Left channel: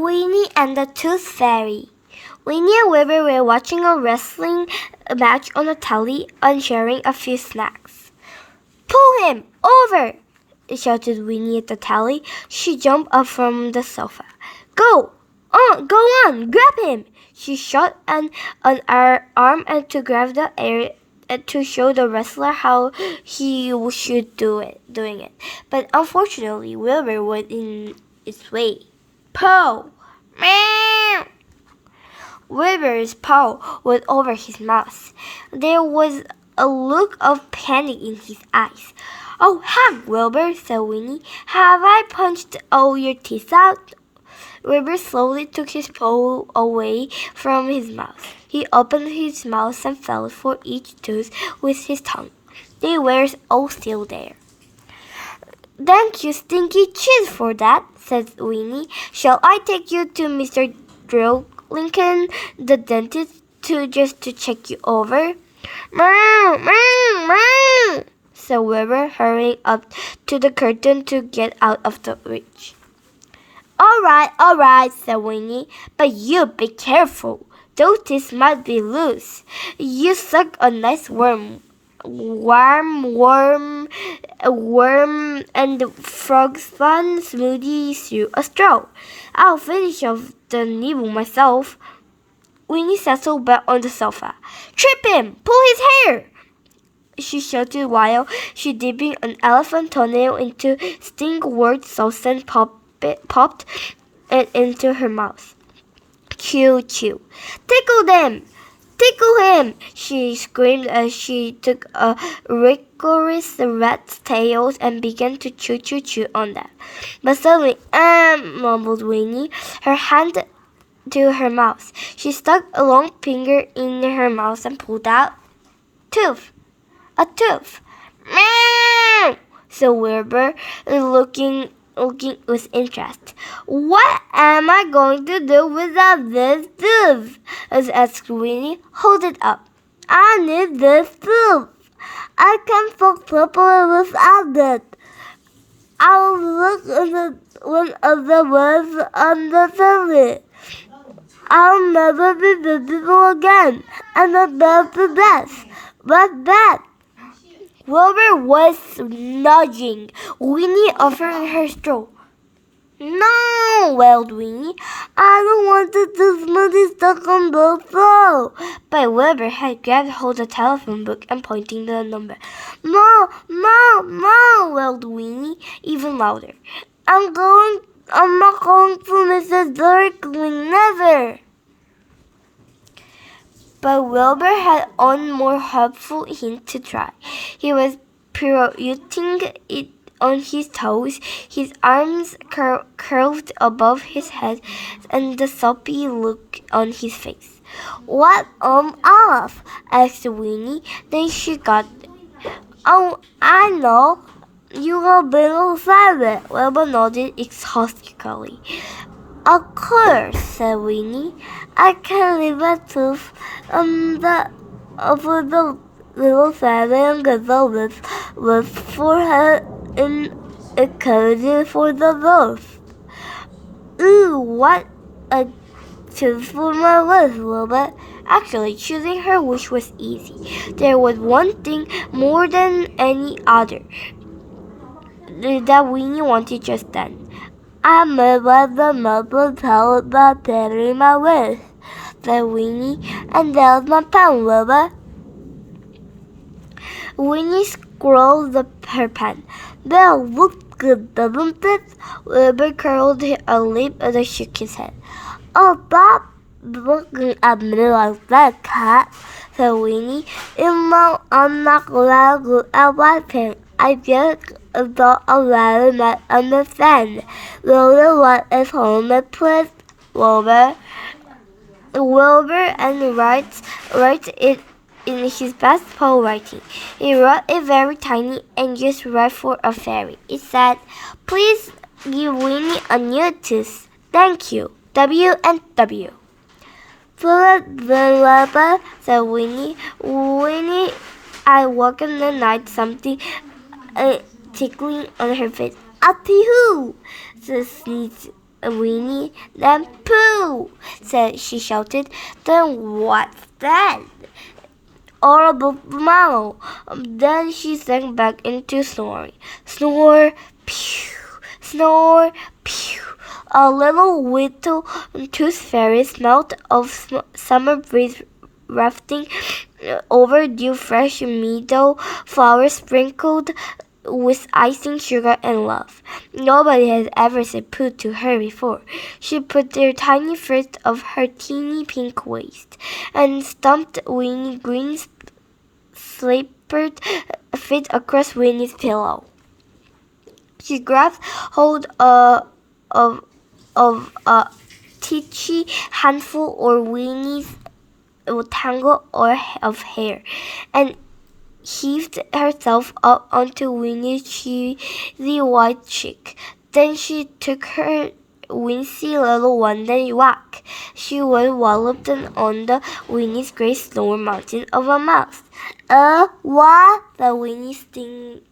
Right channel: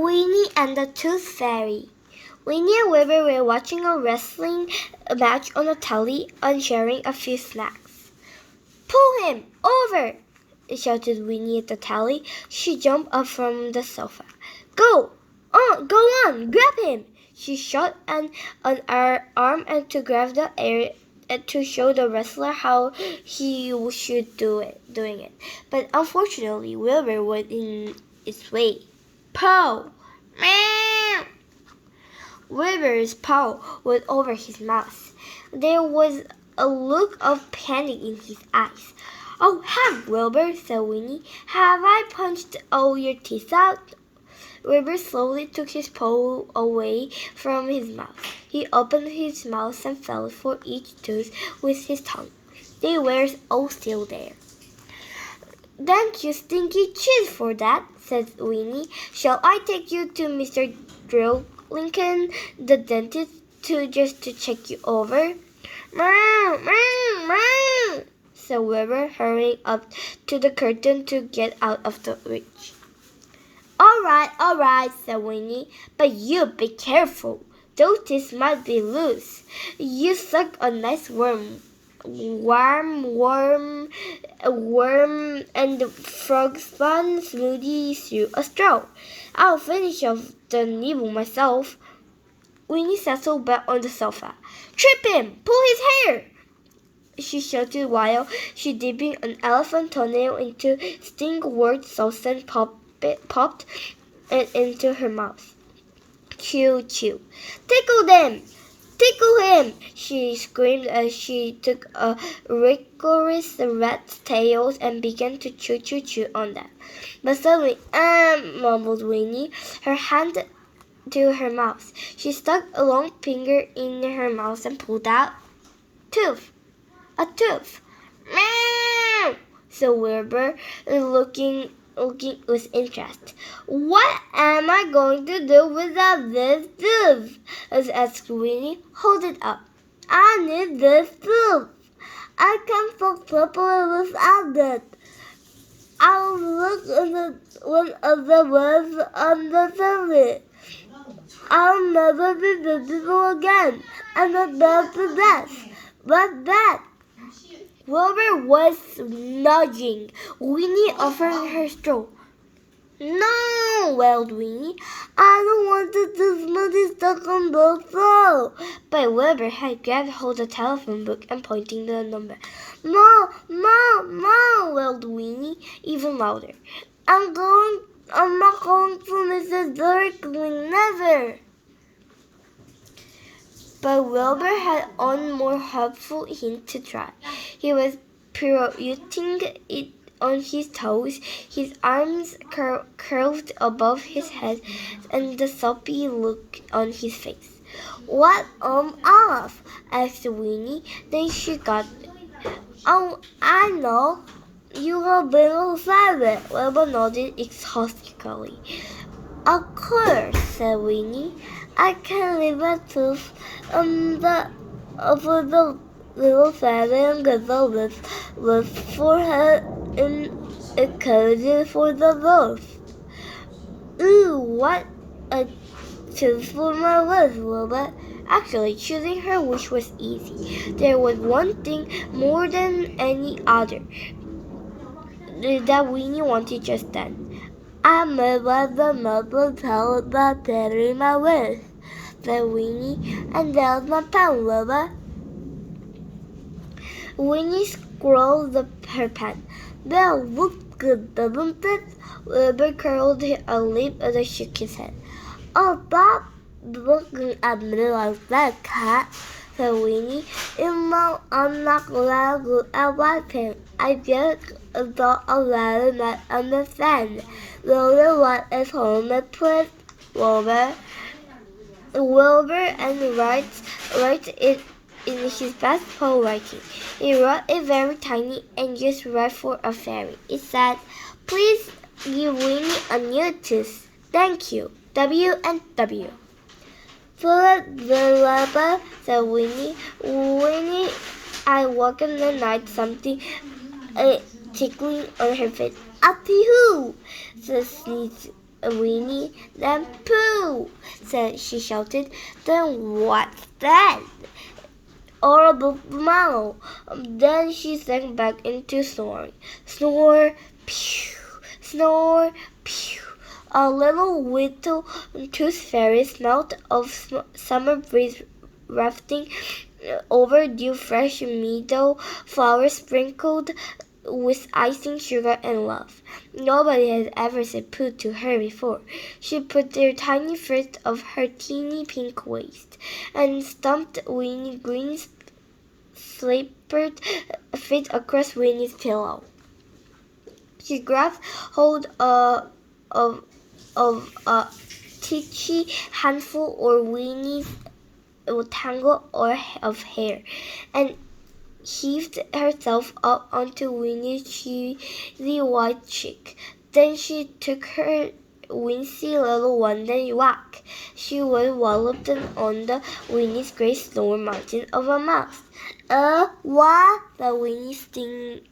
Winnie and the Tooth Fairy. Winnie and Wilbur were watching a wrestling match on the telly and sharing a few snacks. "Pull him over!" shouted Winnie at the telly. She jumped up from the sofa. Go on, grab him!" She shot an arm and to grab the air to show the wrestler how he should doing it. But unfortunately, Wilbur was in its way. Paw! Meow! Wilbur's paw was over his mouth. There was a look of panic in his eyes. "Oh, heck, Wilbur," said Winnie. "Have I punched all your teeth out?" Wilbur slowly took his paw away from his mouth. He opened his mouth and felt for each tooth with his tongue. They were all still there. "Thank you, Stinky Cheese, for that," said Winnie. "Shall I take you to Mr. Lincoln, the dentist, to check you over?" "Meow, meow, meow," said Wilbur, hurrying up to the curtain to get out of the reach. All right, said Winnie, "but you be careful. Those teeth might be loose. You suck a nice worm and frog spawn smoothie through a straw. I'll finish off the nibble myself." Winnie settled back on the sofa. "Trip him! Pull his hair!" she shouted while she dipping an elephant toenail into Stingwort sauce and popped it into her mouth. "Chew, chew. Tickle them! Tickle him!" she screamed as she took a rigorous rat's tails and began to chew on them. But suddenly, mumbled Winnie, her hand to her mouth. She stuck a long finger in her mouth and pulled out a tooth. "Meow!" said Wilbur, looking with interest. "What am I going to do without this tooth?" asked Winnie. "Hold it up. I need this tooth. I can't fuck properly without it. I'll look at one of the words on the TV. I'll never be beautiful again, and I'll love to death. What's that?" Wilbur was nudging Winnie, offering her straw. "No," wailed Winnie. "I don't want the smoothie stuck on the straw." But Wilbur had grabbed hold of the telephone book and pointing the number. No, wailed Winnie, even louder. I'm not going to Mrs. Darkling, never." But Wilbur had one more helpful hint to try. He was pirouetting it on his toes, his arms curved above his head, and the soppy look on his face. "What off?" asked Winnie. Then she got it. "Oh, I know. You are being silent." Wilbur nodded exhaustively. "Of course," said Winnie. "I can leave a tooth for the little fairy and get the with for her in a cavity for the roof." "Ooh, what a tooth for my wish, Wilbur." Actually, choosing her wish was easy. There was one thing more than any other that Winnie wanted just then. "I made what the mother told about telling my wish," said Winnie, "and there's my pen, Wilbur." Winnie scrawled her pen. "Well, looks good, doesn't it?" Wilbur curled a lip and shook his head. "Oh, stop looking at me like that, cat," said Winnie. I'm not glad good at writing. I just thought a letter might understand. Wilbur, what is homemade, please? Wilbur and writes it in his best poem writing. He wrote it very tiny and just right for a fairy. It said, "Please give Winnie a new tooth. Thank you. W and W." "Wilbur," said Winnie. "Winnie, I woke in the night something tickling on her face." "Atty-hoo!" said Sneeze. Winnie. Then pooh! She shouted. Then what's that? Horrible mammal. Then she sank back into snoring. Snore, pew, snore, pew. A little whittle tooth fairy smelt of summer breeze wafting over dew fresh meadow flowers sprinkled with icing sugar and love. Nobody had ever said pooh to her before. She put her tiny foot of her teeny pink waist and stumped Winnie Green's slippered feet across Winnie's pillow. She grabbed hold of a teachy handful or Winnie's tangle of hair and heaved herself up onto Winnie's cheesy white cheek. Then she took her wincy little one and whack! She was walloped on the Winnie's great snow mountain of a mouth. What? The Winnie sitting